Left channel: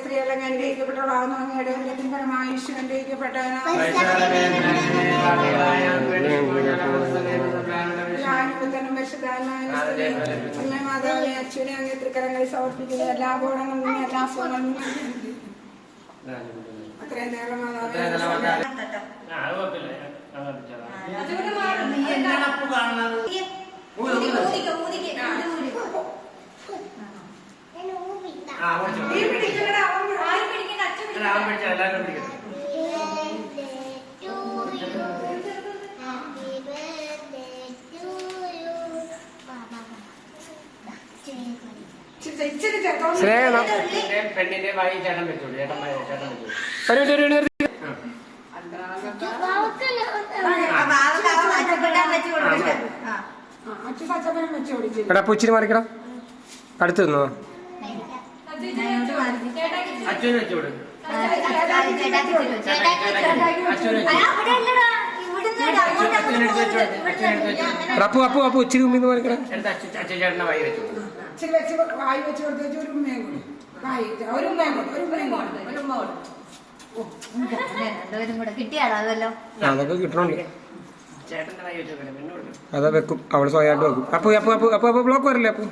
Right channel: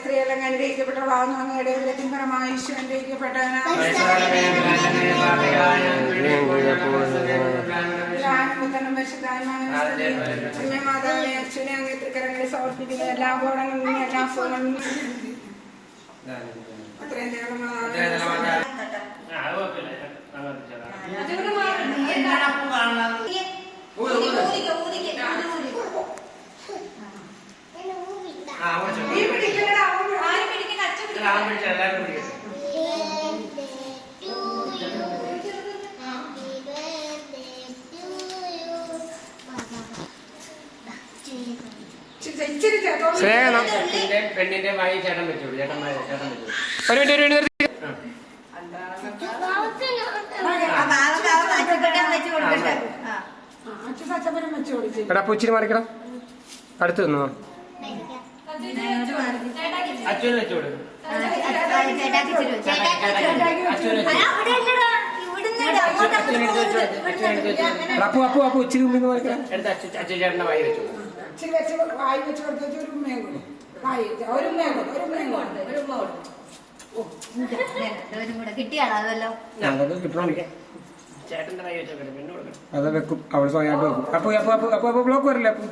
സ്ത്രീയെല്ലാം അനുഗ്രഹിക്കപ്പെട്ടവളാകുന്നു. അങ്ങയുടെ ഫലമായി ഈശോ അനുഗ്രഹിക്കപ്പെട്ടവനാണ്. മാതാവേ, അച്ഛനെ അങ്ങേ തൃക്കരങ്ങളിൽ സമർപ്പിക്കുന്നു. എല്ലാ ബോധങ്ങളും എല്ലാ സുഖങ്ങളും അത്രയും പെണ്ണിന്റെ വായി ചേട്ടൻ പറ്റൂല. ചേട്ടൻ എടാ പൂച്ചിരി മാറിക്കടാ. അടുത്ത് നിന്നോ അച്ഛനും വെച്ചോട്. അപ്പു അപ്പു അപ്പു ഉച്ചിരി മുമ്പിൽ മാറിക്കടാ. അച്ഛൻ ചേട്ടന്റെ വായി വെച്ചോട്. ഇച്ചിരി വെച്ച് വായി വെച്ച് കൊടുത്തേച്ച് ഒരു ഉമ്മയും കൂടെ വായി ഒരു ഉമ്മയും കൂടെ കിട്ടിയാളാവല്ലോ. അതൊക്കെ കിട്ടണം. ചേട്ടന്റെ വായി വെച്ചോട്ടെ. പെണ്ണ് കൊടുക്കണം. അതാ വെക്കും. അവള് സ്വയമായിട്ട് വെക്കും. അപ്പൊ അപ്പൊ അപ്പൊ അപ്പൊ അപ്പൊ ബ്ലോക്ക് വരില്ലേ? അപ്പൊ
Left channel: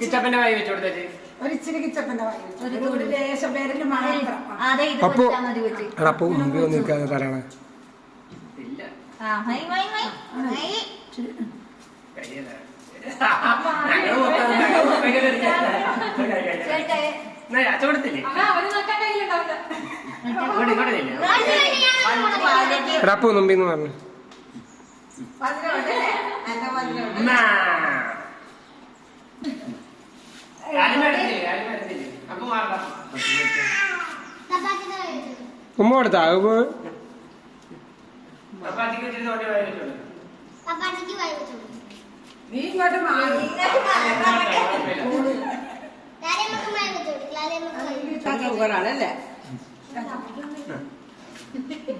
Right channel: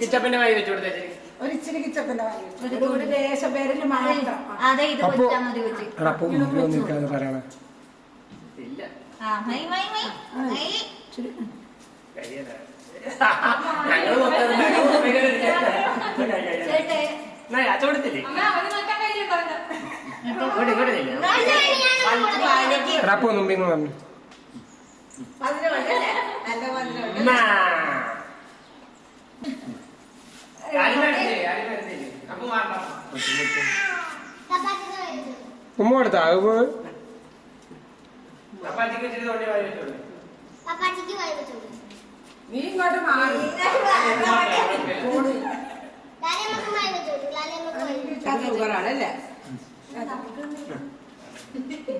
കിച്ചപ്പന്റെ വായി വെച്ചു കൊടുത്തേ. ഒരിച്ചിരി കിച്ചപ്പന്റെ വായി വെച്ചു ഒരു ദേശം പേരിന് മാത്രം. അപ്പൊ അപ്പൊ മുമ്പിൽ വന്നിരിക്കാൻ പറയണ ഇല്ല. അച്ചോടത്തില്ലേ? അപ്പൊ മുമ്പിൽ പറഞ്ഞു ഉമ്മ കൊടുത്താ നീ ഇങ്ങോട്ട് മാറി ാണല്ലേ ഇച്ചിരി